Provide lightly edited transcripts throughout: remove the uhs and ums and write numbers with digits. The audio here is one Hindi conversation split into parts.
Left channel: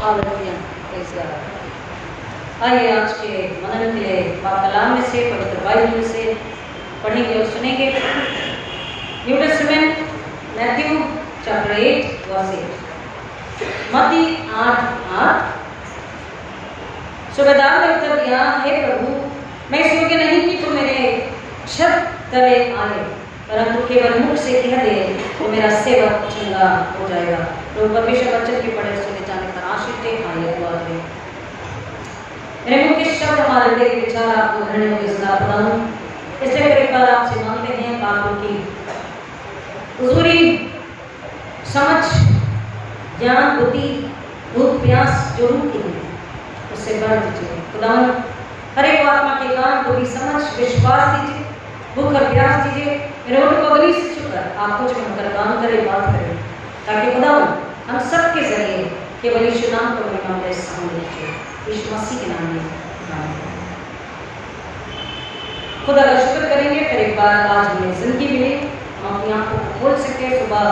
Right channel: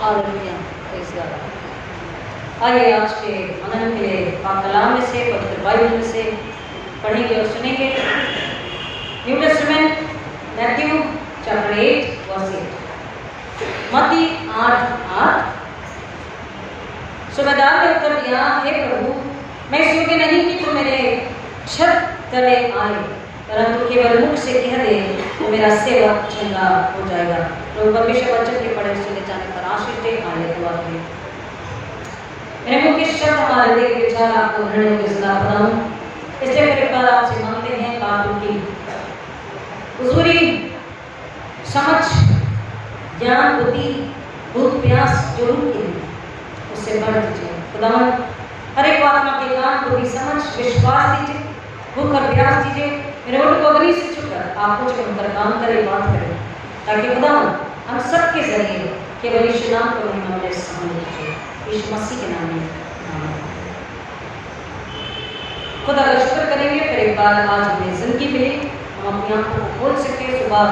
Hallelujah, praise God. आइए आज के मनन के लिए पाक कलाम में से, पवित्र बाइबल में से पढ़ेंगे और सुनेंगे। New Testament Matthew chapter 8 verse 8। मत्ती 8:8। सूबेदार ने उत्तर दिया, हे प्रभु, मैं इस योग्य नहीं कि तुम मेरे छत तले आए, परंतु केवल मुख से कह दे तो मेरा सेवक चंगा हो जाएगा। प्रभु परमेश्वर वचन के पढ़े सुने जाने पर आशीष दे। आइए दुआ करें। मेरे मुख के शब्द हमारे हृदय के विचार आपको ग्रहण होकर सदा बनाऊं, इसलिए फिर एक बार आपसे मांगते हैं बाबू की हुजूरी, समझ, ज्ञान, बुद्धि, भूख प्यास जो रूह की है उससे बढ़ दीजिए। खुदावन हर एक आत्मा के कान, बुद्धि, समझ, विश्वास दीजिए, भूख और प्यास दीजिए। मेरे ओठ को अग्नि से छुकर आप कुछ बनकर काम करें, बात करें, ताकि खुदावन हम सब के जरिए केवल यीशु नाम को महिमा मिले। समझ लीजिए यीशु मसीह के नाम में खुदा का शुक्र करेंगे। फिर एक बार आज हमें जिंदगी मिली, हम अपनी आंखों को खोल सके सुबह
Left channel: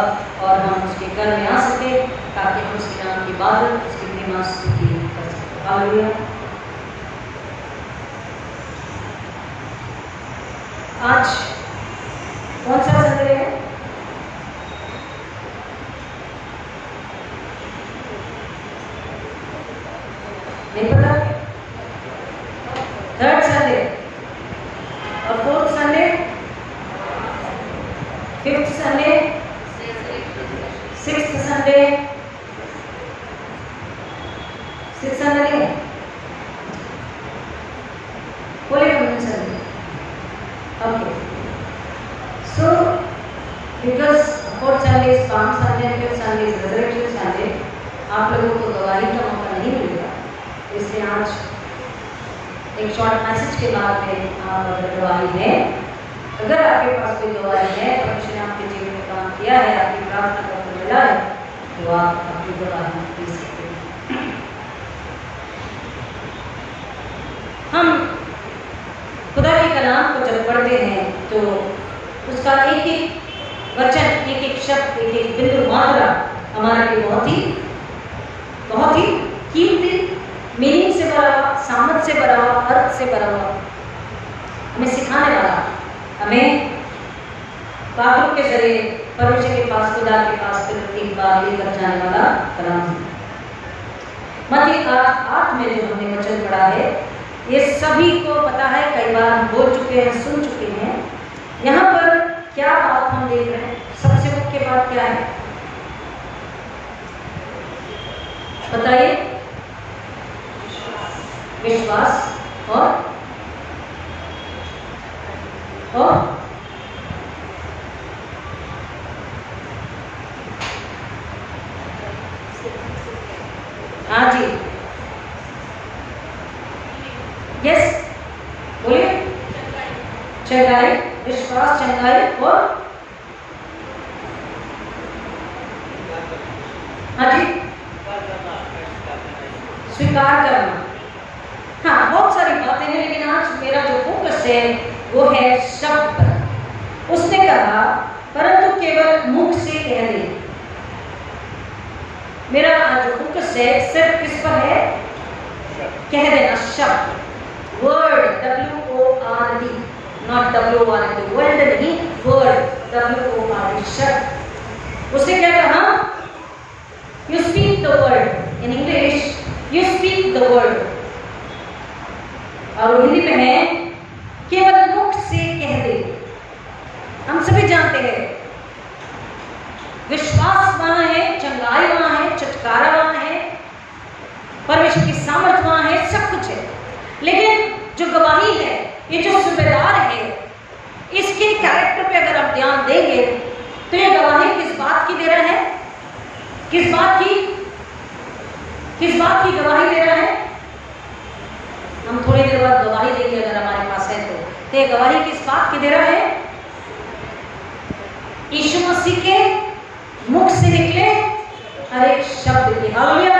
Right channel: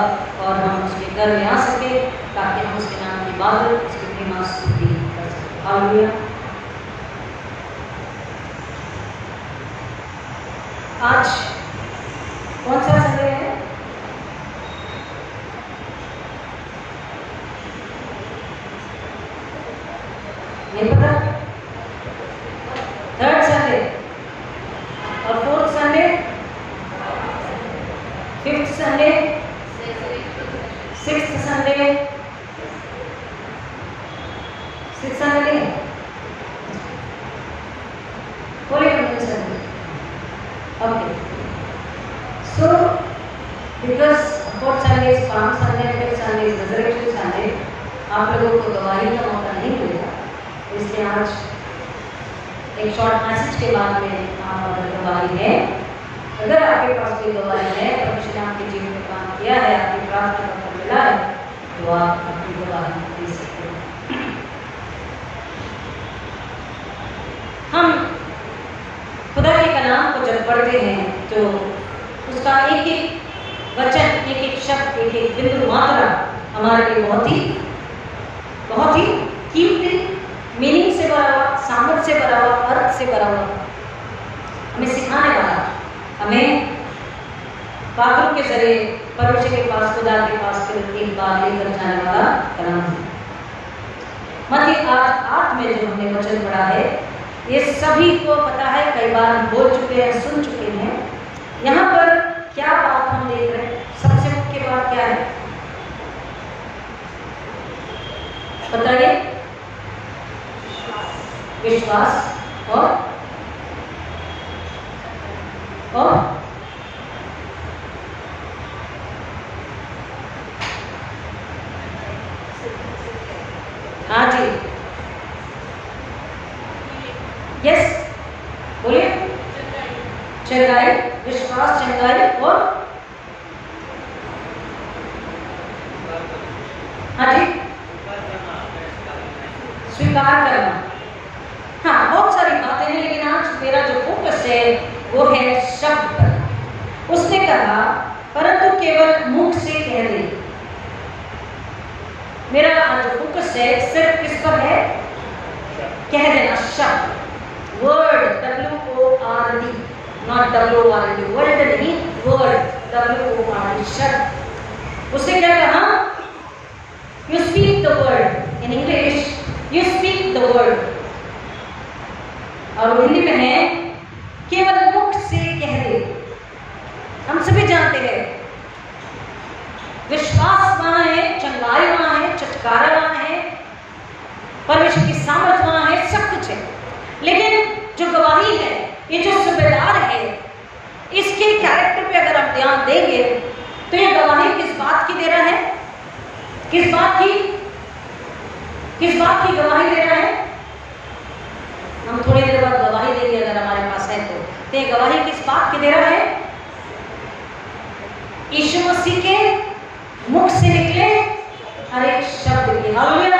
और हम उसके घर में आ सके, ताकि हम उसके नाम की इबादत, उसकी महिमा स्तुति कर सकें। हालेलुया। आज कौन सा संडे है? नहीं पता। थर्ड संडे और fourth Sunday, fifth Sunday, sixth Sunday, sixth Sunday नहीं है, holy communion Sunday. Okay, so because fourth Sunday is palm Sunday, fifth Sunday is resurrection Sunday, आप लोगों को गवाही का मौका नहीं मिलेगा, इसलिए आज एक शॉर्ट मैसेज के बाद में आप अगर गवाही है, अगर आपके पास कोई गवाही है, परमेश्वर ने आपके जीवन में काम किया है, आपकी प्रार्थना का उत्तर मिला है, तो आप अपनी गवाही दे सकते हैं। हम खुदा के कलाम को जब पढ़ते हैं तो उसका एक एक वचन, एक एक शब्द, एक एक बिंदु मात्रा हमारे लिए बहुत ही कीमती, मीनिंग से भरा हुआ, सामर्थ से भरा हुआ, अर्थ से भरा हुआ, हमें सिखाने वाला, हमें बाबरों के जरिए परमेश्वर के पास, खुदा के पास फिर एक बार लेकर जाने वाला कलाम है। मत्ती 8:8 में जो हमने वचन पढ़ा है, ये सभी को पता है, कई बार हम बोल चुके हैं, सुन चुके हैं। यहाँ पर क्या बात हम देख रहे हैं? सबसे मुख्य बात क्या है बताइए? विश्वास और हाँ जी, यस बोलिए। चंगाई, विश्वास, चंगाई और हाँ जी, स्वीकार करना। हाँ, बहुत सारी बातें हैं, लेकिन आज मेरा जो फोकस है वो है शब्द पर। उसने कहा परंतु केवल मुख से कह दे। मेरा आज जो फोकस है सिर्फ किस पर है? कह देना, शब्द, word, WORD, not WORD, word नहीं, वर्ड, WORD, शब्द। उसने क्या कहा? You speak the word. In English you speak the word, और हिंदी में है केवल मुख से कह दे। हम सभी जानते हैं विश्वास वहां है, चंगाई वहां है, छुटकारा वहां है, परमेश्वर की सामर्थ वहां है, सब कुछ है। लेकिन जो गवाही है, ये जो सूबेदार है, इसके कैरेक्टर पे अगर हम ध्यान देंगे तो ये गवाही किस बात की दे रहा है? किस बात की गवाही दे रहा है? हम थोड़ी देर बाद गवाही देंगे अगर हमारे पास है तो ये गवाही किस बात की दे रहा है? यीशु मसीह के मुख से निकले हर एक शब्द की। हालेलुया।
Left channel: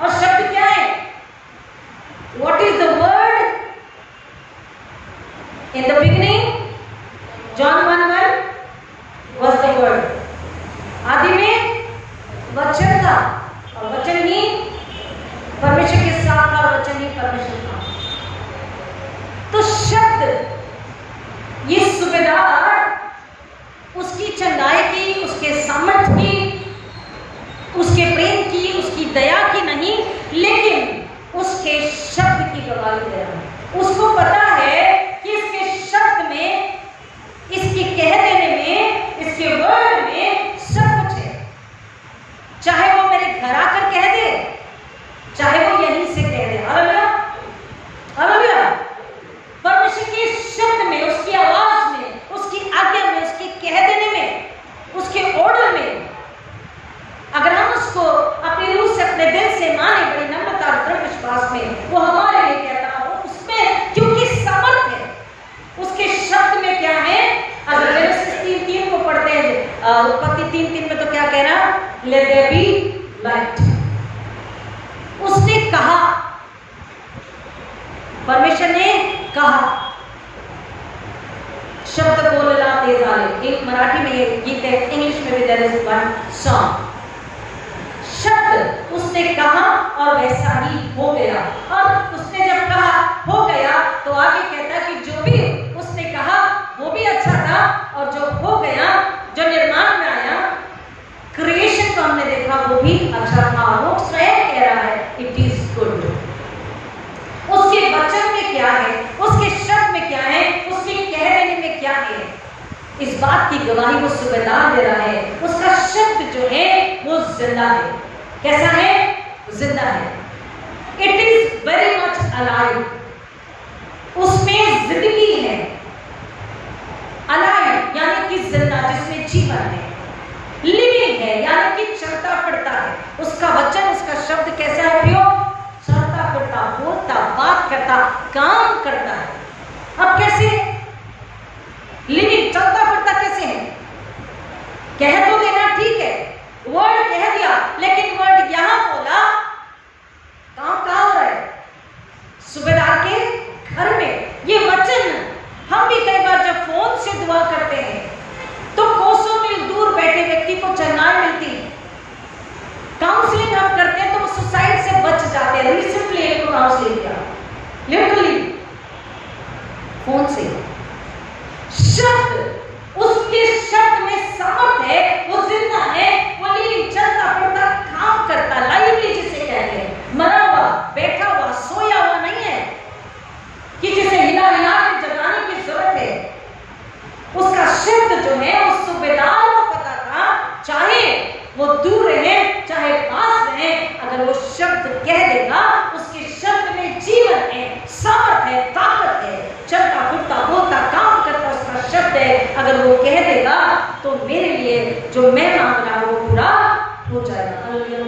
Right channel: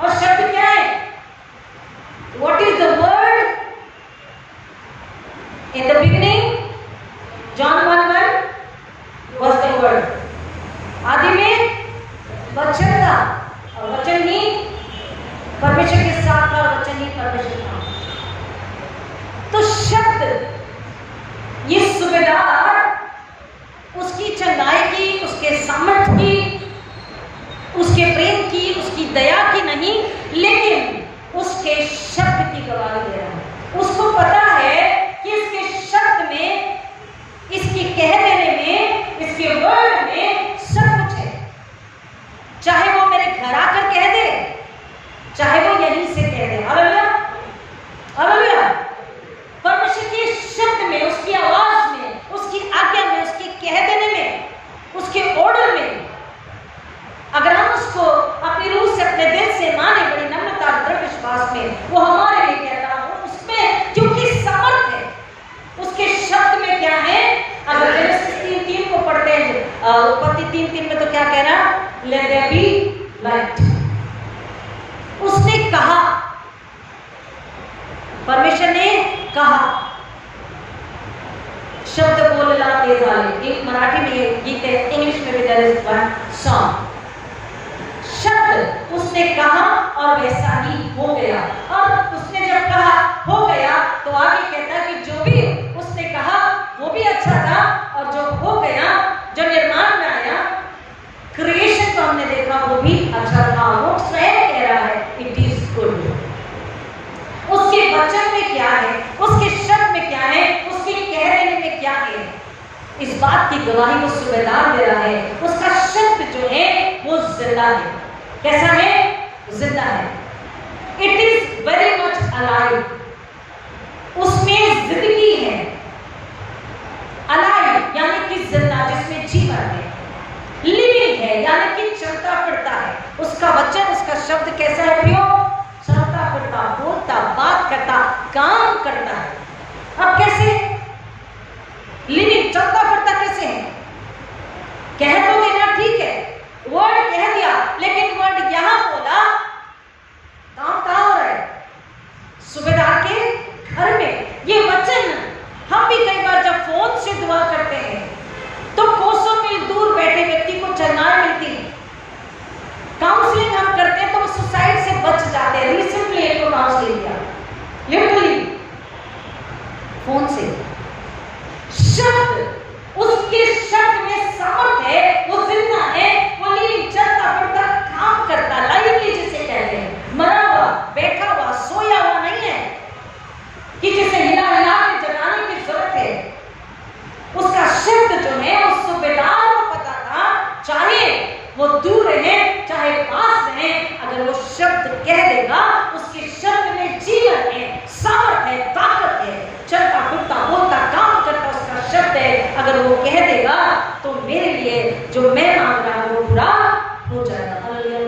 और शब्द क्या है? What is the word? In the beginning John 1:1 was the word. आदि में वचन था और वचन ही परमेश्वर के साथ था और वचन ही परमेश्वर था। तो शब्द, ये सूबेदार उसकी चंगाई की, उसके सामर्थ की, उसके प्रेम की, उसकी दया की नहीं, लेकिन उसके शब्द की गवाही दे रहा है। उसको पता है कि इसके शब्द में, इसके कह देने में, इसके वर्ड में सब कुछ है। चाहे वो मेरे घर आकर कह दे, चाहे वो यहीं से कह दे। Hallelujah, hallelujah. परमेश्वर के शब्द में, उसकी आवाज में, उसकी आज्ञा में, उसके कह देने में, उसके ऑर्डर में, अगर हम उसको अपनी रूह से, अपने दिल से माने, बड़ी नम्रता और दृढ़ विश्वास में, वो हमारे लिए कहता हूं, उसमें क्योंकि सामर्थ है। उसके शब्द में क्या है? अगर जेनेसिस 3:3 को पढ़ते हैं, उत्पत्ति 3:3 में तो क्या कह रहा? Let there be light. उसने कहा, परमेश्वर ने कहा, शब्द बोलला तेज आले। एक मराठी में ये गीत है, इंग्लिश में भी देयर इज वन सॉन्ग। शब्द उसने कहा और वैसा ही हो गया। और उसने जब कहा हो गया, तो आगे कहता है कि जो भी उसने कहा वो भी अच्छा था, और जो हो गया, जो निर्माण में आया, क्रिएशन को हमने देखा, वो भी अच्छा था। वो स्वयं कह रहा है इट इज गुड। उसके वचन में क्या है, उसके शब्द में क्या है, उसके कह देने में क्या है, इस बात की गवाही वो सूबेदार दे रहा है। उसका शब्द जो है वो जिंदा है। कैसा है? जिंदा है। It is very much alive. उसमें जिंदगी है। अलाइव यानी कि जिंदा, जिसमें जीवन है। लिविंग है यानी कि चलता फिरता है। उसका वचन, उसका शब्द कैसा है प्रियो? चलता फिरता, बोलता, बात करता, काम करता है। अब कैसे लिविंग, चलता फिरता कैसे है? कह तो देना ठीक है, वर्ड कह दिया, लेकिन वर्ड यहां बोला, काम कहां हो रहा है? सूबेदार के घर में। ये वचन हम भी कई बार जब फोन से दुआ करते हैं तो कोसों मील दूर बैठे व्यक्ति को चंगाई मिलती है। काउंसलिंग हम करते हैं तो वो सुसाइड से बच जाते हैं। रिसेंटली एक को काउंसलिंग किया, लिटरली फोन से। शब्द, उसके शब्द में सामर्थ है, वो जिंदा है, वो लिविंग, चलता फिरता, काम करता, लाइवली जिसे कहते हैं। मरा हुआ, बैठा हुआ, सोया हुआ नहीं है कि जिसे हिला हिला के जगाने की जरूरत है। उसका शब्द जो है, उस सूबेदार को पता था, चाहे वो दूर रहे चाहे पास रहे, अगर वो शब्द कह देगा, उसके शब्द में जीवन है, सामर्थ है, ताकत है, चलता फिरता, बोलता, काम करता उसका शब्द है। अगर वो कह देगा तो मेरे लिए जो मैं मांग रहा हूं वो पूरा हो जाएगा। हालेलुया।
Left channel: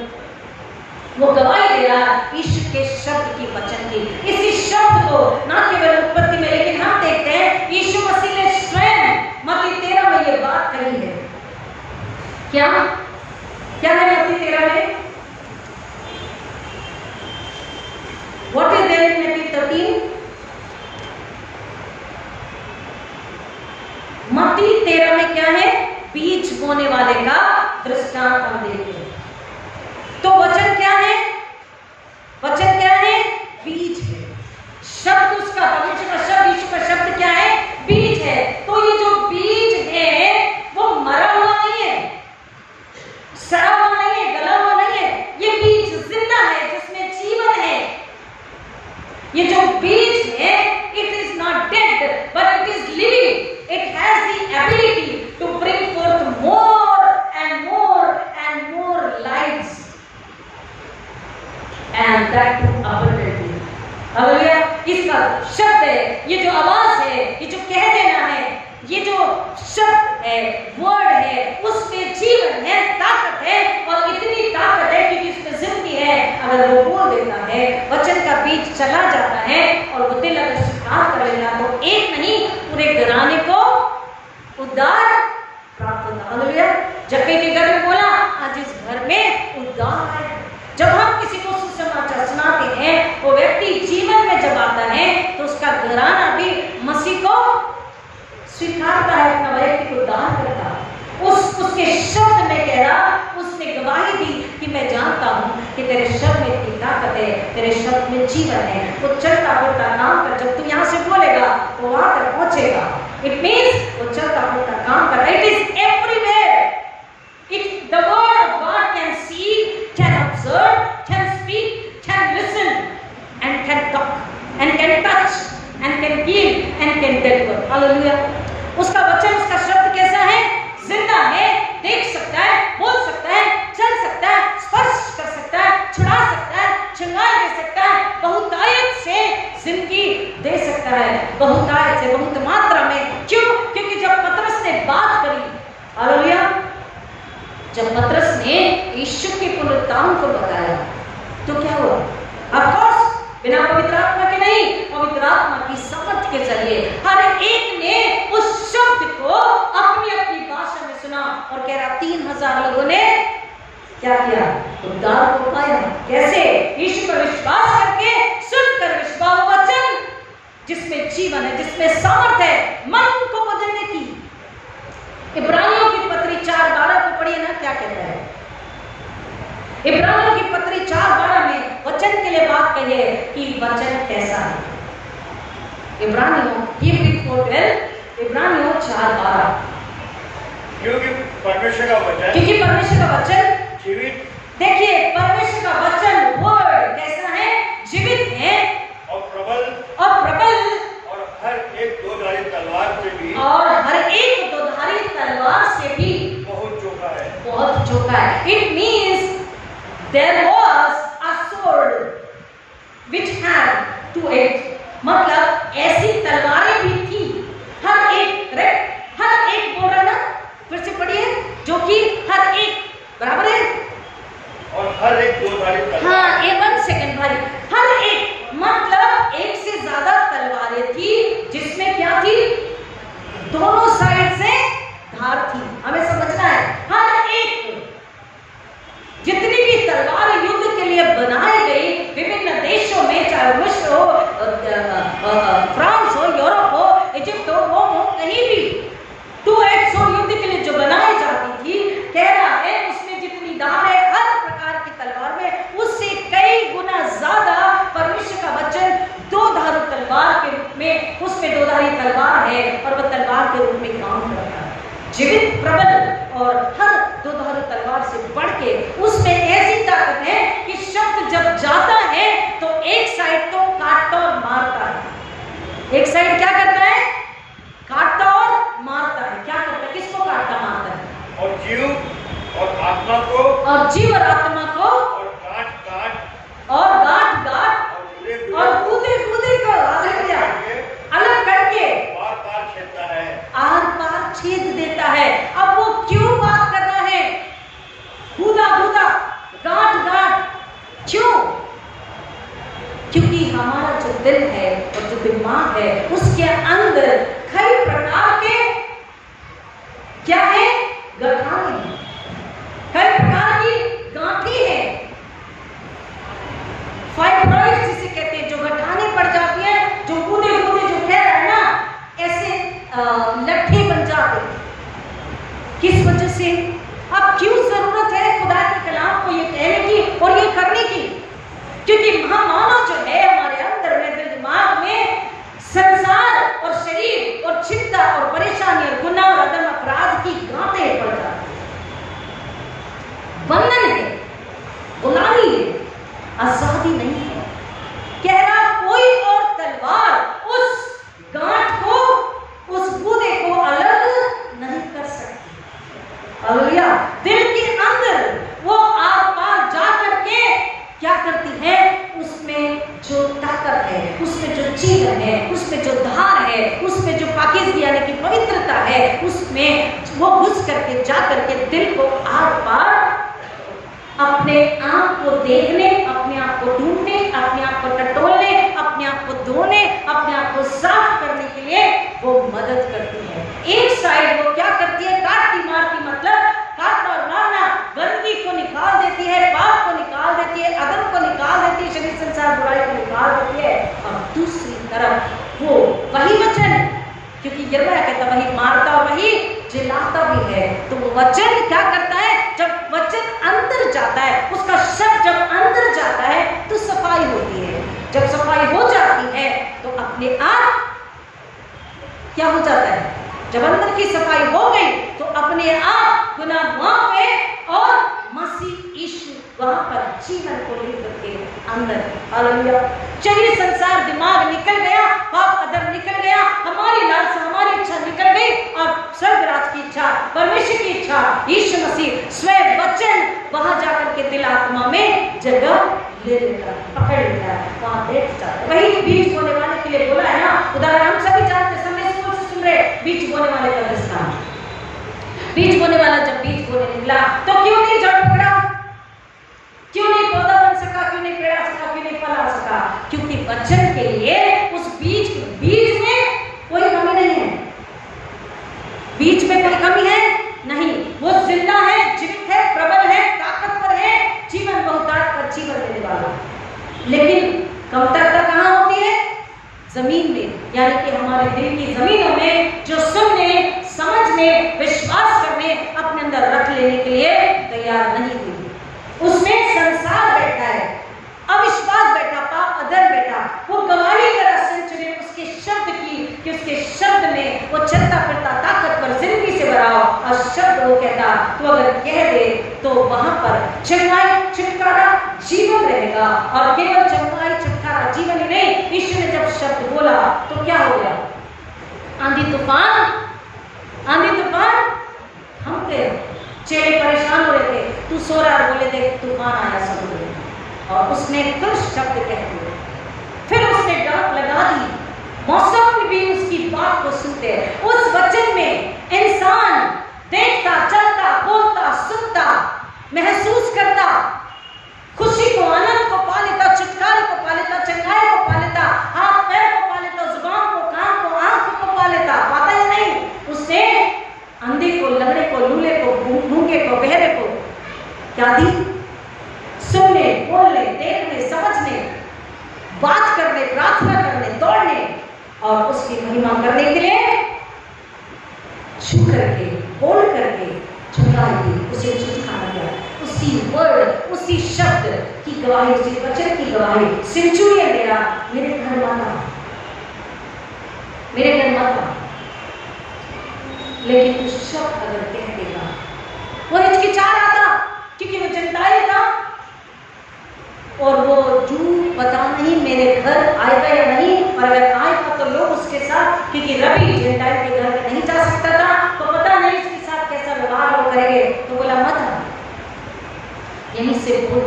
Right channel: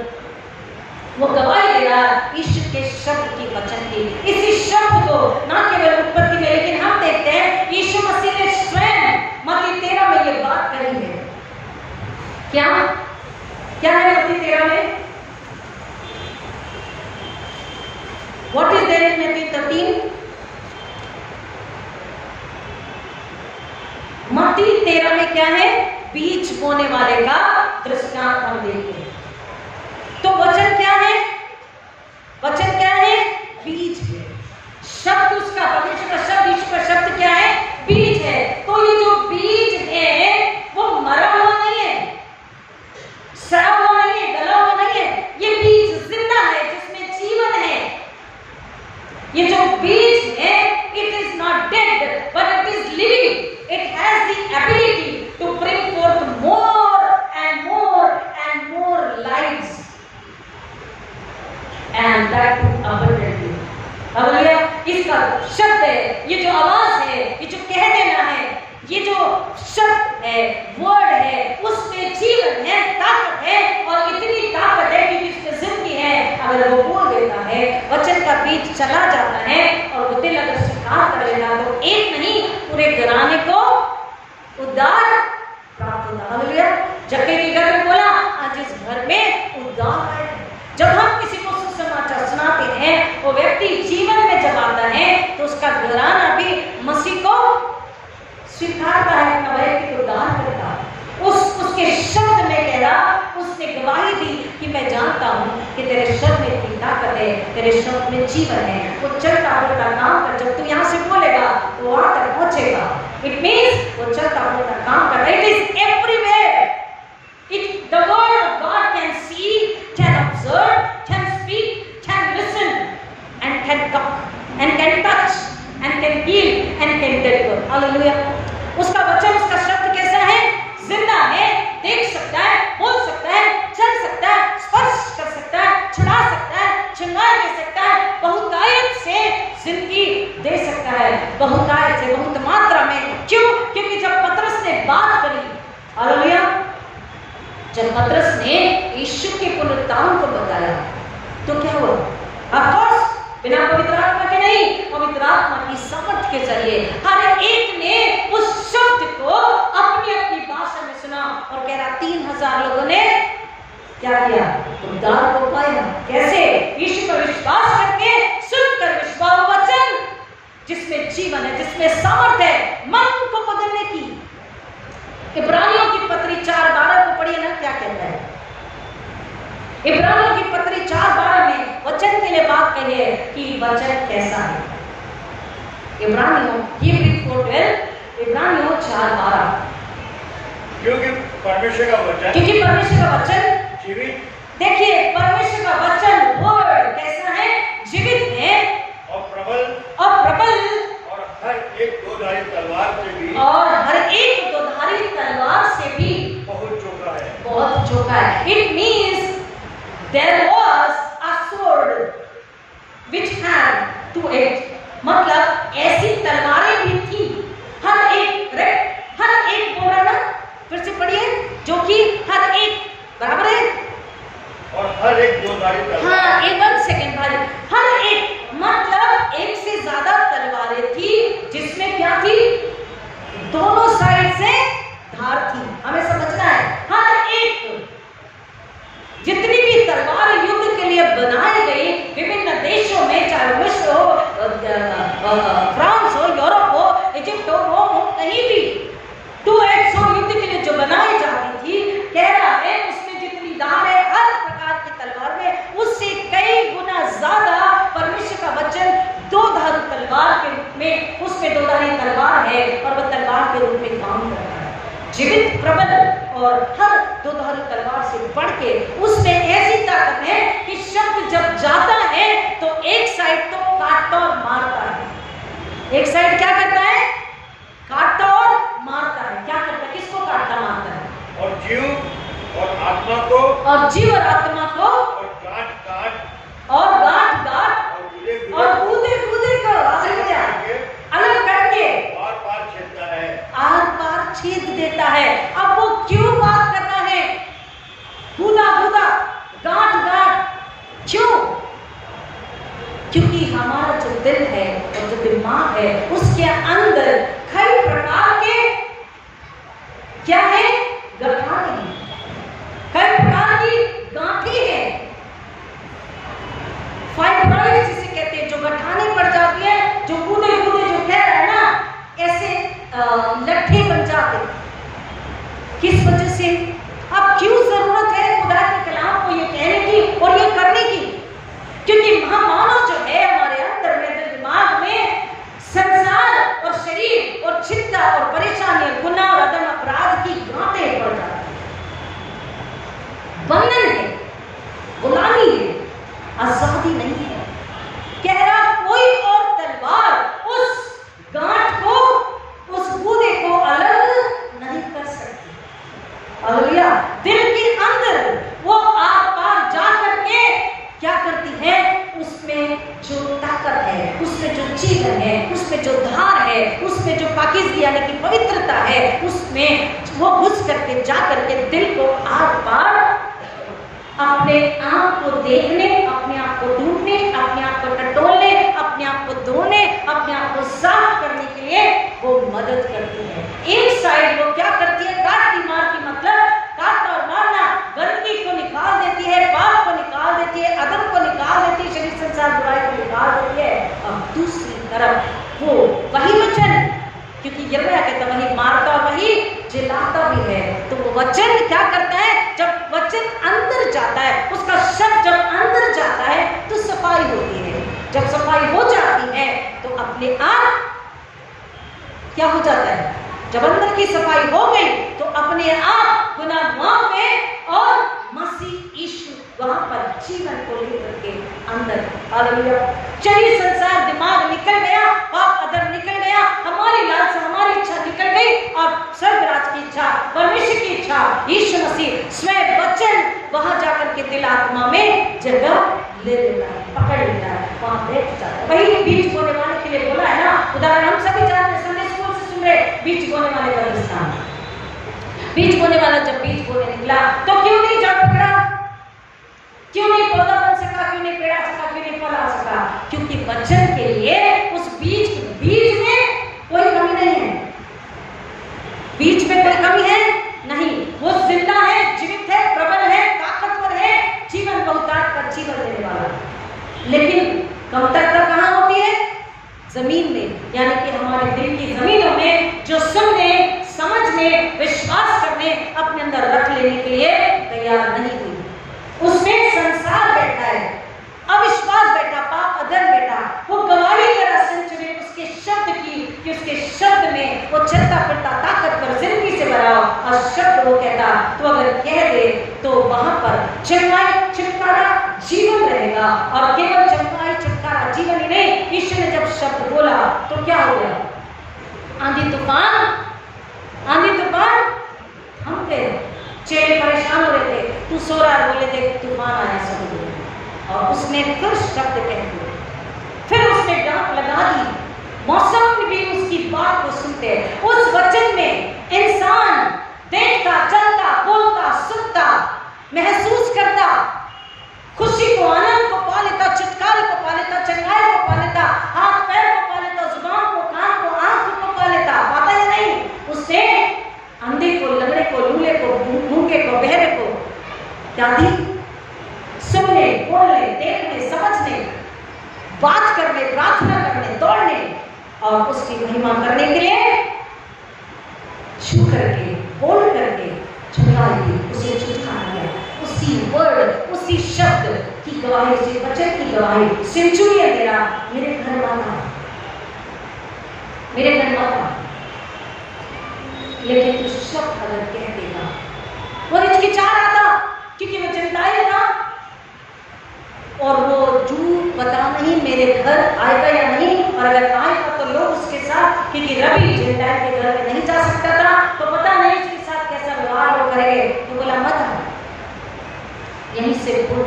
वो गवाही दे रहा है ईश्वर के शब्द की, वचन की। इसी शब्द को ना केवल उत्पत्ति में, लेकिन हम देखते हैं यीशु मसीह ने स्वयं मत्ती 13 में ये बात कही है। क्या क्या है मत्ती 13 में? व्हाट इज देयर इन मत्ती 13? मत्ती 13 में क्या है? बीज बोने वाले का दृष्टांत हम देखते हैं। तो वचन क्या है? वचन क्या है? बीज है। शब्द उसका, परमेश्वर का शब्द, ईश्वर का शब्द क्या है? बीज है। तो ये जो बीज है वो मरा हुआ नहीं है, सड़ा हुआ नहीं है, गला हुआ नहीं है। ये बीज जिंदा है, जिसमें जीवन है। ये जो बीज है, it is not dead but it is living. It has the ability to bring forth more and more and more lives, and that abundantly. Hallelujah. इसका शब्द है, ये जो आवाज है, ये जो कह देना है, ये जो शब्द है, वर्ड है, उसमें जीवन है, ताकत है। और इतनी ताकत है क्योंकि इसमें जिंदगी है। अगर वो बोल देता है, वचन का बीज चला जाता है, और वो दिल अगर स्वीकार कर लेना, तो एक नहीं, पूरे घराने को उद्धार प्राप्त होता। हालेलुया। जक्कई के घर में बोला, आज इस घर में उद्धार आए। जब हम किसी को सुसमाचार सुनाते हैं, वो व्यक्ति जीवन में जब आता है, तो उसका घराना भी मसीह को स्वीकारता है, अपना वैयक्तिक उद्धार करता है। उसके शब्द में कह रहा, उसने गवाही दी कि मैं जानता हूँ कि तेरे शब्द में इतनी ताकत है, तेरे शब्द में जीवन है। वो चलता फिरता काम कर, जब तू यहाँ से बोलेगा तो वहां तक पहुंचेगा। इट मीन्स वो चलता फिरता काम कर, it is everywhere. It, the word of God can see, can observe, can speak, can listen, and can talk, and can touch, and can heal, and can deliver. Hallelujah. उसका वचन, उसका शब्द कैसा है? जिंदा है, देख सकता है, बोल सकता है, चल सकता है, स्पर्श कर सकता है, छुड़ा सकता है, चंगाई दे सकता है, बहुतायत से जिंदगी दे सकता है, बहुतायत से, बहुत मात्रा में। क्यों? क्योंकि जब पतरस ने बात करी, हालेलुया, जब पतरस ने यीशु के पुनरुत्थान को बताया तो क्या हुआ? ऑफ कोर्स बिना पवित्र आत्मा के नहीं, पवित्र आत्मा की सामर्थ्य के जरिए हर एक ने उस शब्द को अपनी अपनी भाषा में सुना और कह रहा 3000 लोगों ने क्या किया? उद्धार को पाया। कैसे? यीशु पर विश्वास करके, सुनकर विश्वास वचन जिसमें जीवन है, जिसमें सामर्थ्य है मन को बदलने की। इब्रानियों की पत्री 4:12 को पढ़िए ना, क्या कहता है? इब्रानियों की पत्री 4:12 में वचन के लिए बात कहिए कि वचन कैसा है। इब्रानियों हिब्रू 4:12, इब्रानियों 4:12, क्योंकि परमेश्वर का वचन जीवित, देखिए परमेश्वर का वचन वर्ड कैसा है? जीवित है और प्रबल और हर एक दोधारी तलवार से भी बहुत चौका है। It means there was a sword which had two edge, मतलब ऐसी तलवारें भी थी, हर एक बोल रहा ना, फिर से पढ़िए, जो कि हर एक बराबर है और हर एक दोधारी तलवार। हाँ, 1 सेकेंड भाई, हर एक मतलब एक से ज्यादा तलवारें थी, जिसमें क्या थी? दोनों साइड से धार थी। हमें समझना है, हर एक जितनी भी तलवार युद्ध के लिए बनाई गई विभिन्न देशों में, चाहे मिस्र हो, फ्रांस हो, यूरोप हो, इजिप्ट हो, रोम हो, कहीं भी 2 एज स्वॉर्ड युद्ध के लिए जो बनाई जाती थी, कह रहा है उसमें जितनी धार है हर प्रकार की तलवार में, उससे कई गुना ज्यादा परमेश्वर का वचन दो धारू तलवार के रूप में, उसमें दो धारी तलवार है और वह तलवार के रूप में काम करता है, जीवित, प्रबल और हर दो धारू तलवार से बढ़ के। उसमें ऐसी ताकत है कि शब्द जब जाता है तो एक साइड तो काटता और मारता है, एक साइड क्या करता है? काटता और मारता है। क्या करता है? किसको काटता मारता है? और जीव और आत्मा को, और जीव और आत्मा को, और गांठ और गांठ और गूदे को अलग करके आर पार छेदता है, आर पार छेद देता है। अब वो क्यों बात कर रहा है? गूदा गांठ, क्यों? क्योंकि हमारा जो दिल है और जो दिमाग है उसके अंदर कई प्रकार के क्या है? गठाने हैं, कई प्रकार की गांठें हैं, फाइब्रॉइड जिसे कहते हैं, जो गठाने पड़ जाती है, जो कूदे जो कह रहा है ना, ऐसे लट्ठे बन जाते। किस वजह से? अब क्यों जरूरत है खुदा के कलाम को ये कहने की और ये करने की? क्योंकि महामानव जो है हमारे अंदर में, दिल दिमाग में संसार और शरीर और चिंता और परेशानी और गुनाह और अदम अपराध की गांठें पड़ जाती है, बंधन है, गुलामी है, आजादी नहीं है। कह रहा कोई और तलवार उस गांठ को, उस गूदे को अलग नहीं कर सकती। हालेलुया। दिल के अंदर वो आर पार जा करके क्या करती है? उसमें जो ताकत है, उसमें जो जीवन है, उसमें जो धार है, उसमें जो पाकीज़गी यानी कि पवित्रता है, उसमें वो घुस करके जा करके दिल को आर पार अपने आप को देखने, अपने आप को ढूंढने, अपने आप को टटोलने, अपने आप को धोने, अपने आप को साफ करने के लिए वो मदद करती है। एक साइड वो क्या करती है? काटती मारती, मतलब काटना और मारना, गंदगी को निकाल देती है, पाप को निकाल देती है, अदम को निकाल देती है, शरीर संसार बुराई को निकाल देती है। अब दूसरी तरफ वो वही वचन, क्योंकि यिर्मयाह कहता वही मारता और वही जिलाता भी है। तो वो वचन क्या करता है? जब वचन अंदर जाता है, उसका शब्द जब अंदर जाता है तो सफाई होती है। जब सफाई हो जाती है तो अपने आप क्या हो जाता है? जब अंदर की सफाई हो गई तो अपने आप गुनाह माफ हुए और मसीह यीशु वहां पर जीवन को लेकर के अंदर। हालेलुया। चलिए, संसार दिमाग निकल गया, पाप अदर निकल गया, हमारी लालसा हमारी इच्छा निकल गई और स्वर्गराज की इच्छा, परमेश्वर की इच्छा, यीशु मसीह स्वयं वचन वहां जाकर के दिल आत्मा में जगह ले लेता है, पकड़ लेता है, वहां बैठ जाता है। वही बीज बोने वाले के लिए बोला है ना, उदाहरण हम सभी जानते हैं, संडे स्कूल से सुन रहे, बीज बोने वाले का दृष्टांत। बीज बोने वाला जब बीज बोने निकला तो क्यों नहीं जड़ पकड़ा? क्यों नहीं पौधा बन सका? क्यों नहीं पेड़ आ सका? क्यों नहीं फल आ सका? क्योंकि वचन के लिए उस बीज में कोई कमी नहीं है। बीज में कोई कमी है नहीं, वो जिंदा है, जीवित है, प्रबल है, ताकतवर है, जीवन बहुतायत का जीवन देने वाला। लेकिन कमतरता कहाँ होती है? जमीन में, यानी कि हमारे दिल की जमीनों में, जो सुनने, समझने, विश्वास करने, अपने अंदर रख लेने के लिए तैयार नहीं हुई। उसमें संसार बैठा है, अविश्वास बैठा, पाप अधर्म बैठा। वो गवाही करा सेंचुरी उसके शब्द की, कि उसके शब्द में वो चलता फिरता ताकतवर जिंदगी से भरा हो, और शब्द वो कहता तो अगर कह दे तो वहां पर चंगाई, छुटकारा, जीवन रहेगा। और केवल चंगाई, छुटकारा, जीवन ही नहीं, ईश्वर ने जब शब्द बोला तो क्या हो गया? आंधी तूफान थम गए। चेले परेशान हो रहे थे, तू सो रहा है, बोले देख तूफान आया समुद्र में। और उसने फिर शब्द कह दिए, फिर उसने डांट लगा दी। मौसम भी उसकी बात को सुनते हैं। उस वचन में इंसान देखता, चलता, बोलता, सुनता, महसूस करता, खुशी को, आनंद को पा लेता, छुटकारे को पा लेता, चंगाई को पा लेता, हाथ पैर को पा लेता, जुबान को, कान को, आंख को पा लेता। पाता या नहीं? उसने अंधे को, लंगड़े को, लूले को, गूंगे को, बहरे को क्या दी? सुनने, बोलने, देखने, समझने, बात करने, प्रार्थना करने, दौड़ने और उसकी महिमा करने के लिए छू करके, बोल करके चंगाई दी, उसे छुटकारा दिया। उसी वर्ड, उसी शब्द की गवाही, उसी वचन की गवाही सेंचुरियन दे रहा, मेरे घर मत। लेकिन तू शब्द अगर कह देगा, वो हिचकिचा रहा था क्योंकि वो जनताई था, और वो झूठ बता नहीं मेरे घर आएगा या नहीं, और अगर आएगा तो लोग उसके साथ, क्योंकि रवि जेंटाइल के घर में नहीं जा सकता था, तो पता नहीं इसके साथ कैसा व्यवहार लोग करेंगे, तो बोला मत आ। यहीं से बोल,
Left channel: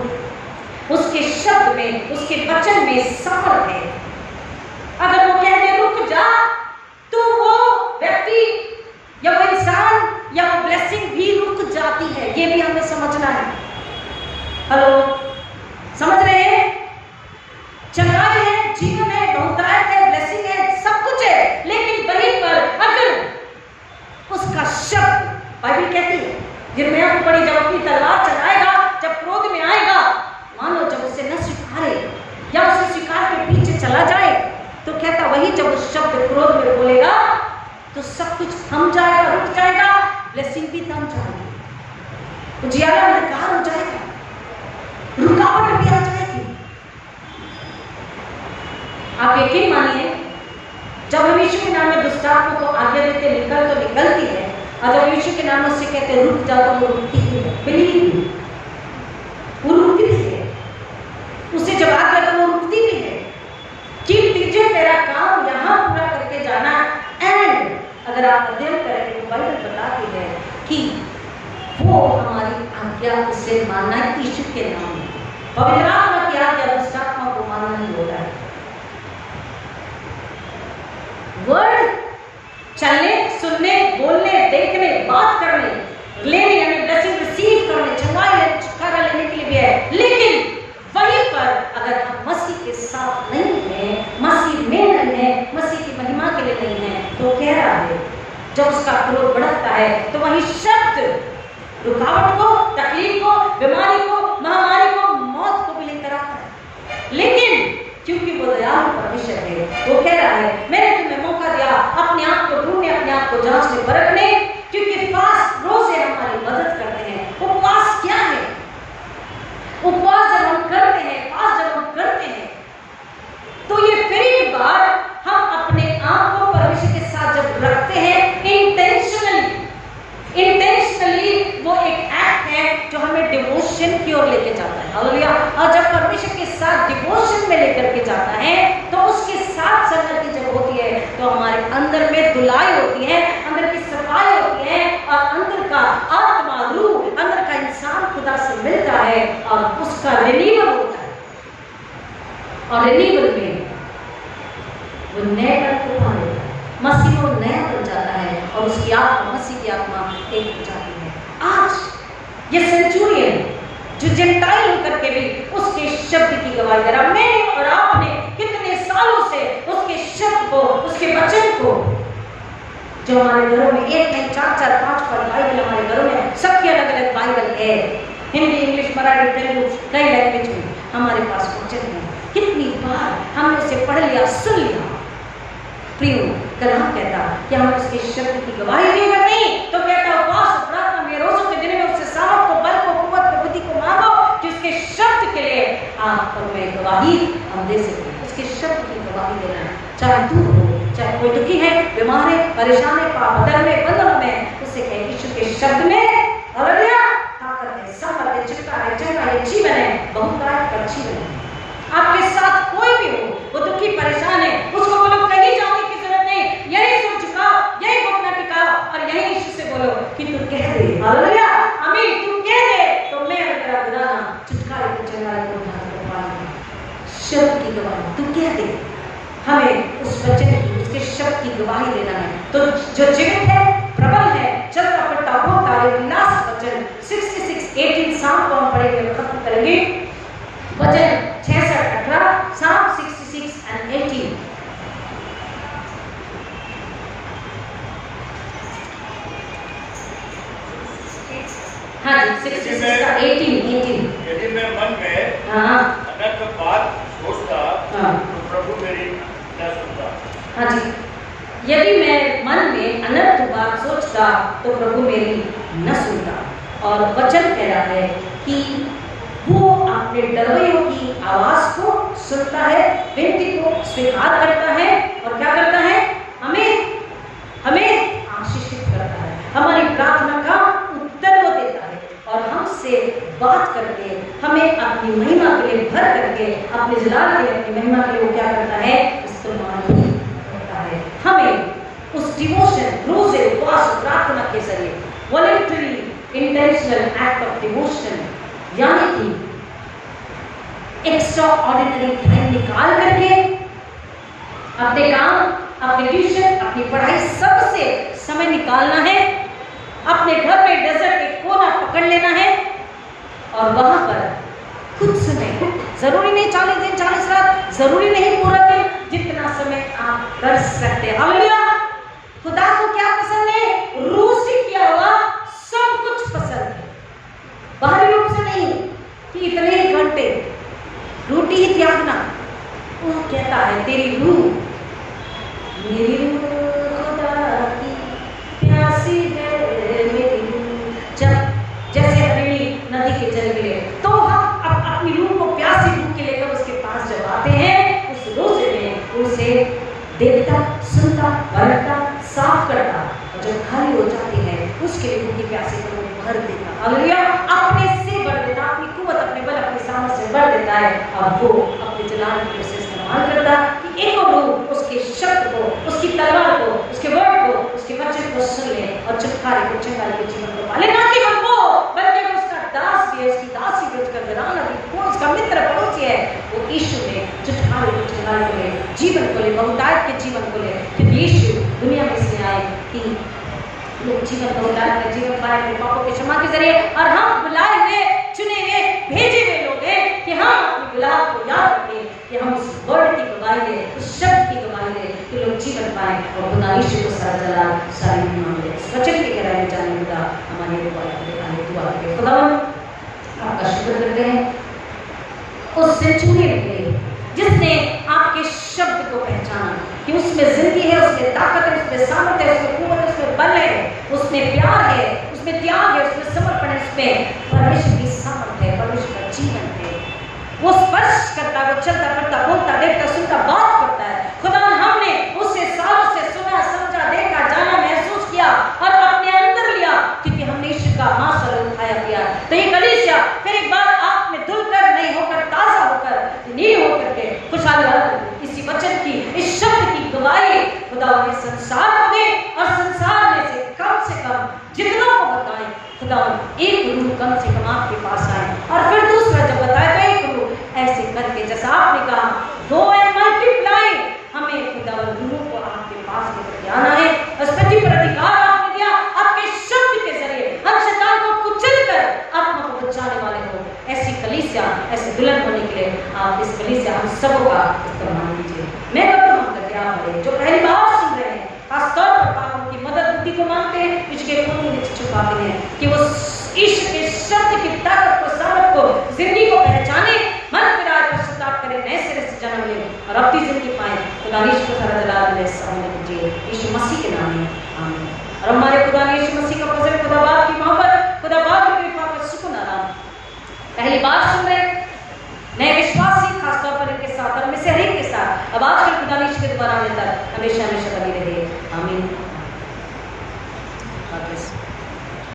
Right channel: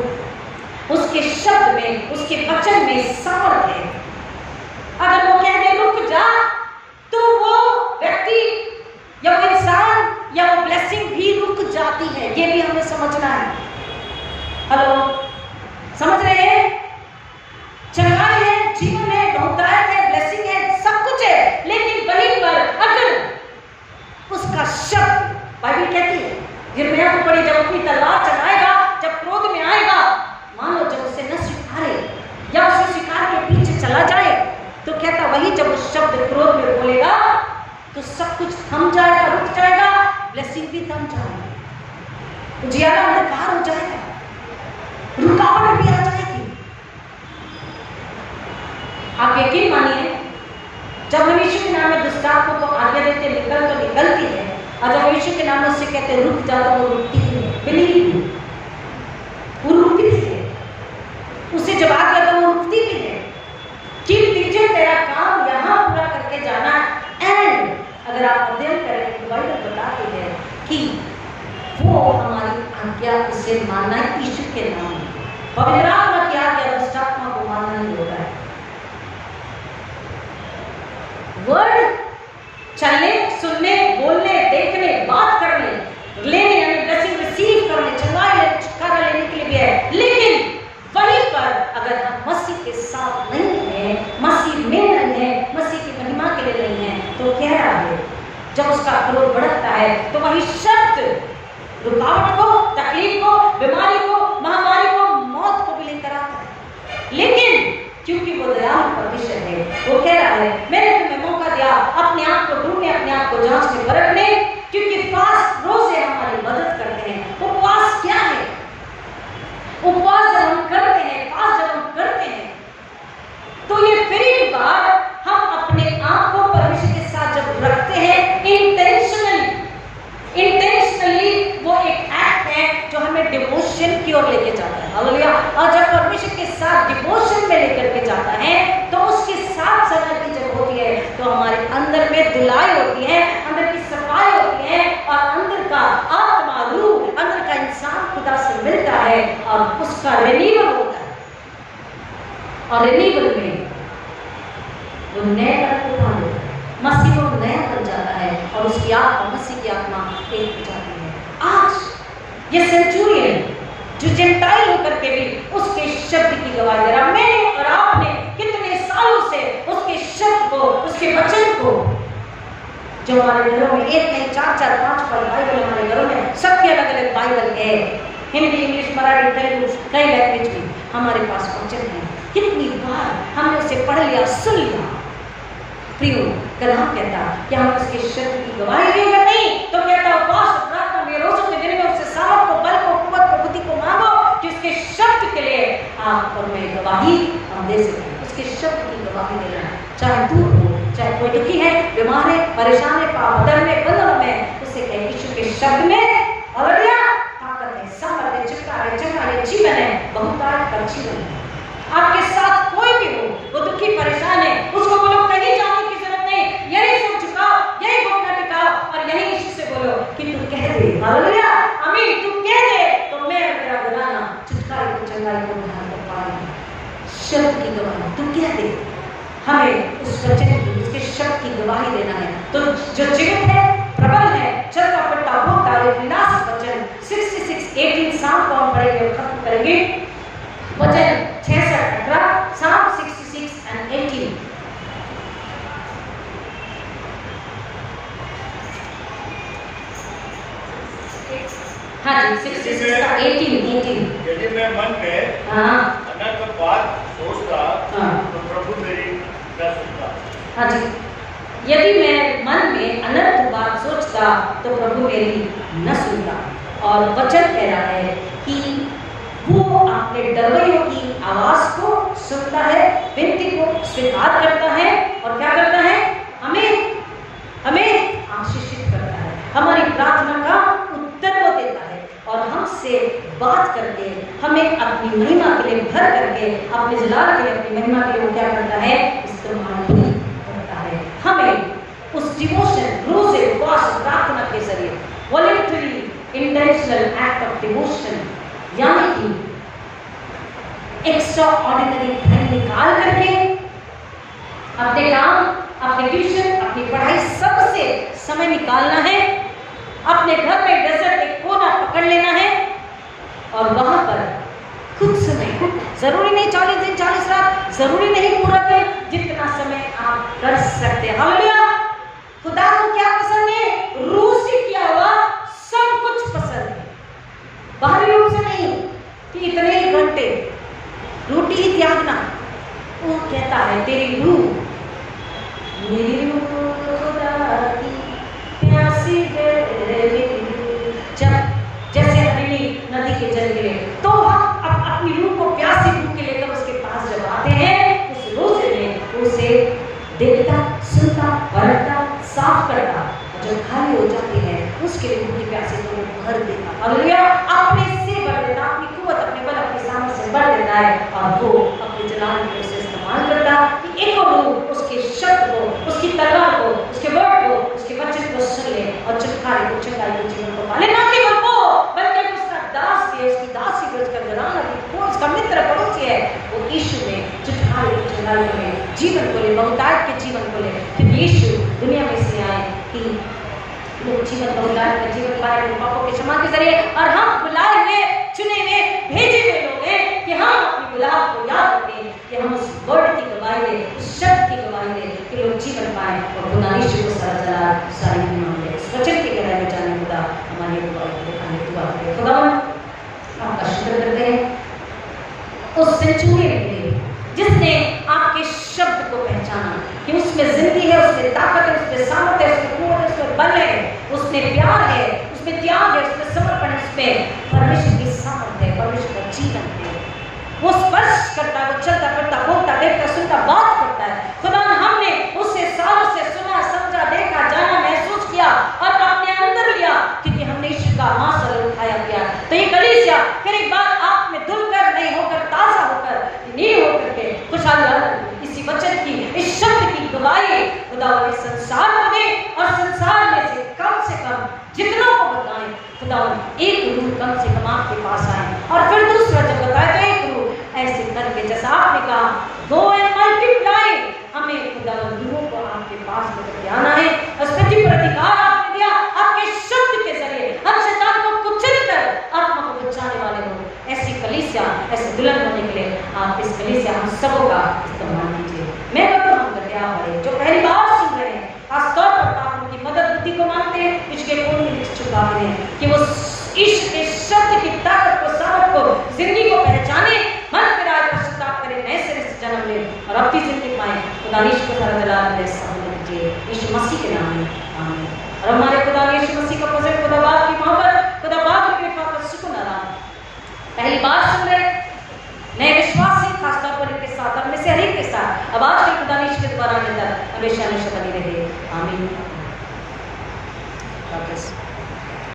उसके शब्द में, उसके वचन में सामर्थ्य है। अगर वो कह दे रुक जा, तो वो व्यक्ति या वो इंसान या वो ब्लेसिंग भी रुक जाती है। ये भी हमें समझना है। हेलो, समझ रहे हैं? चंगाई है, जीवन है, बहुतायत है, ब्लेसिंग है, सब कुछ है, लेकिन वहीं पर अगर उसका शब्द, बाइबल कहती है, यिर्मयाह को पढ़ी, जब अपनी तलवार चलाएगा, जब क्रोध में आएगा, मानो जब उसे न स्वीकारे या उसे स्वीकार के पीछे चला जाए, तो कहता वही जब उस शब्द क्रोध में बोलेगा तो सब कुछ थम जाएगा, रुक जाएगा, ब्लेसिंग भी थम जाएगी, उजियारा अंधकार हो जाएगा, रुकावट भी आ जाएगी। आप यकीन मानिए, जब हम यीशु के नाम में दुष्टात्मा को आज्ञा देते निकल तो निकलती है, और जब यीशु के नाम में उससे कहते रुक जा तो वो रुकती है। बिलीव, वो रुकती भी है। उसे जब आज्ञा तो वो रुकती भी है कि तुझे तेरा काम यहाँ पूरा करके जाना। एंड अगर आप अध्ययन करेंगे तो बाइबल बताती है कि वो हमारी आज्ञा उसे मानना है यीशु के नाम में। पवित्र आत्मा की आज्ञा दुष्टात्मा को मानना नहीं होता है। वर्ड चलने, सुनने, बोलने, देखने, बात करने, लेने यानी ब्लेसिंग रिसीव करने, चंगाई लेने, छुटकारा लेने के लिए भी है, लेकिन वहीं पर अगर हम मसीह के साथ नहीं हैं, मसीह में नहीं है, मसीह की महिमा के लिए नहीं है, तो कह रहा है जब उसका क्रोध बढ़ता है तो वही शब्द रुकावट को, तकलीफ को, बीमारी को, महामारी को, मौत को भी लेकर आता है। लेकिन क्योंकि वो दयालु परमेश्वर है, वो कह रहा है मैंने तुम्हें मौका दिया अपने आप को ढूंढने, अपने आप को जांचने, परखने, क्योंकि करते हैं। तो ये फिर एक बार हम अपने आप को परमेश्वर के साथ जब रखते हैं इंटेंशनली वो एक एक्ट है जो हमें डिवोशन की ओर लेके जाता है। हालेलुया। और जब परमेश्वर के साथ डिवोशन में लेकर के जाता है तो उसके साथ संगति जब होती है तो हमारे अंदर में धुलाई होती है, अंदर की सफाई होती है और अंदर का आत्मा रूह, अंदर का इंसान खुदा से मिलता है और उसका रिन्यूअल होता है। और रिन्यूअल में वो नएपन को पा लेता है, मसीह में वो नया बन जाता है और उसकी आत्मा मसीह की आत्मा एक हो जाती है। आज ये सेंचुरियन जो जेंटाइल होकर के भी उसके शब्द की गवाही दे रहा, मैंने और आपने कितने सालों से उसके शब्द को, उसके वचन को, जो हमारे घरों में एक नहीं 4 4 5 5 बाइबल हमारे घरों में, सबकी अलग अलग बाइबल है, हिंदी, इंग्लिश, मराठी, तेलुगु, कई लैंग्वेज में हमारे पास वचन है। कितनी बार हमने उसे पढ़ लिया, सुन लिया। प्रियो, कलाम कहता कि हम उसके शब्द की गवाही देंगे, नहीं तो कहता उपवास और प्रार्थना में रोजों के दिन में उससे सामर्थ को, बल को, कुव्वत को, बुद्धि को मांगो कि उसके शब्द के लिए आप और मैं गवाही हम दे सकें। उसके शब्द की गवाही देना, चाहे दूर हो, चाहे कोई दुखी है, बीमार है, परेशान है, पाप बंधन में, बंधनों में, उससे कहे यीशु के शब्द में हालेलुया ताकत है, सामर्थ है, छुटकारा है, चंगा है, जीवन है, बहुतायत का जीवन है। आपके साथ कोई भी हो, वो दुखी परेशान है, उसको बोलो कहीं जाने की जरूरत नहीं, यही सिर झुकाओ, यही घुटना टिकाओ और यही यीशु से बोलो कि तू कह दे हालेलुया आमीन, तू कह दे तो मैं और मेरा घराना छुटकारे की चंगाई को उद्धार कर पाएंगे। शब्द की गवाही तू कह दे, हमें उस वचन की, उसके शब्द की गवाही देना है। तो जो जीवित है, प्रबल है, चलता फिरता बोलता है, लास्ट वचन 66:18 साम को हम पढ़ेंगे और खत्म करेंगे। वचन 66:18 साम 66 and 18। हाँ जी 66 का 18। यदि मैं मन में अनर्थ बात सोचता तो प्रभु मेरी न सुनता। हाँ जी, यदि मैं मन में अनर्थ बात सोचता तो प्रभु मेरी न सुनता। और वचन कह रहा है कि वो अपने डरवैयों की आवाज को सुनता है, विनती को स्वीकार करता है और क्या करता है, हमें आशीषित करता है, हमारी प्रार्थना का उत्तर वो देता है और हमसे बात करके हमें अपनी महिमा के लिए भर करके, अपने जलाल के लिए, अपनी महिमा के लिए वो क्या करता है, इस्तेमाल भी करता है। हमें उस डिवोशन, रोजे, उपवास, प्रार्थना के जरिए voluntary intentional act of devotion, यानी कि एक्स्ट्रा ऑर्डिनरी टाइम निकाल करके अपने काम, अपने ट्यूशन, अपनी पढ़ाई, सबसे समय निकालना है, अपने घर में डेजर्ट एक कोना पकड़ लेना है और वहां पर कुछ समय, जरूरी नहीं 40 दिन 40 रात, जरूरी नहीं पूरा दिन, जितना समय आप कर सकते हैं। हालेलुया। खुदा को क्या पसंद है, रूह से किया हुआ सब कुछ पसंद है, बाहरी रूप से नहीं कि इतने ही घंटे रोटी ही त्यागना। वो कहता है तेरी रूह, मेरी रूह खुदा की प्यासी है, मेरी रूह जब जैसे हरिणी नदी के जल गिरे, तो हम अपनी रूह को प्यासी रूह के लेकर उसके पास जब आते हैं, उस रोजे में उसे देखता, सुनता, परखता, साफ करता और जब खाली हो जाती है उसके लिए भूखी प्यासी को वो भर देता। हालेलुया। अपने से भर देता, अपनी कुव्वत, अपने बल, अपनी सामर्थ्य से भर देता है और वो अपने जलाल के लिए उसे इस्तेमाल करता कि एक और रूह उसके शब्द को, उसकी तलवार को, उसके वर्ड को, उसके वचन को सुन ले और छुटकारे को, चंगाई के जीवन को पाले। ना केवल वो, बल्कि उसका दास भी है, उसकी दासी भी, उसका घराना भी, वो उसका मित्र पड़ोसी है, वो यीशु में छुटकारे को, चंगाई को ले, जीवन को ले, बहुतायत के जीवन को ले। क्योंकि यीशु दुनिया में इसलिए आए कि लोग जीवन बहुतायत का जीवन पाए अपने पापों के क्षमा के जरिए। और हम बुलाए हुए, चुने हुए, भेजे हुए लोग हैं कि हम अपनी बुलाहट को याद रखें, कि हम उस वर्ड की गवाही दें, उस शब्द की गवाही दें कि लोग जीवन पाएं और खुदा यीशु को सारा जलाल, सारी महिमा मिले। इस वचन की गहराई में जाने खुदा हमारी अगुवाई करे, आने दुआ करें। खुदावन आपका शुक्र करते हैं उस सेंचुरियन के लिए जिसने आपके शब्द को पहचाना कि उसमें जिंदगी है, उसमें ताकत है, उसमें सामर्थ्य है, उसमें कुव्वत है, उसमें बल है, उसमें प्यार है, उसमें त्याग है, उसमें समर्पण है, उसमें परमेश्वर की सामर्थ्य है, परमेश्वर का जीवन है। वो स्पर्श करता है, वो चलता फिरता बोलता देखता सुनता बात करता है। खुदा हमने उससे सालों से सुना समझा देखा जाना महसूस किया और अपने अंदर लिया, क्योंकि हमने ईश्वर का मांसल खाया पिया। तो ये कलीसिया फिर एक बार आप में धुलकर नहीं होकर ताजा होकर नील होकर के खुशहाली इसी वचन की इस शब्द की गवाही खुदा इस संसार को दे और संसार में से कम जितनों को बताएं खुदा एक रूह कम से कम आपके पास आए। और फिर दूसरा जब बताए तो एक रूह ऐसे करके जैसा आपने कहा गो एंड मल्टीप्लाई, हमें खुदा रूहों को आपके पास लेकर के आना है। उस पृथ्वी पर अधिकार आपने दिया, आपके शब्द के जरिए हम शैतान को कुचल कर आत्मा को बचाने वाले हो। ऐसी कलीसिया ऐसे दुल्हन होने के लिए आप इस कलीसिया हम सबों का इस्तेमाल कीजिए। मैं करता हूँ करके आप पढ़े जो पहली बार सुन रहे हैं, खासतौर पर आप उनकी मदद बुद्धि को मानते हैं, इसके खून के नीचे छुपाते हैं कि वो ईश्वर के शब्द की ताकत को सामर्थ को जिंदगी को पहचाने, मन फिराए पश्चाताप करें, नए सिरे से जन्म ले और अपनी जिंदगी पाए। खुदा ईश्वर को सारा जलाल मिले होने दीजिए यीशु मसीह के नाम में आमीन। और हमारे खुदा यीशु मसीह का फजल, खुदा बाप की मोहब्बत, खुदा बाप की कृपा का सुकून आराम पहली बार सुन रहे नए विश्वासी खासतौर पर इनके साथ और में से हर एक के साथ अब आजकल खुदा ईश्वर के दोबारा आने तक हमेशा हमेशा बनी रहे। आमीन।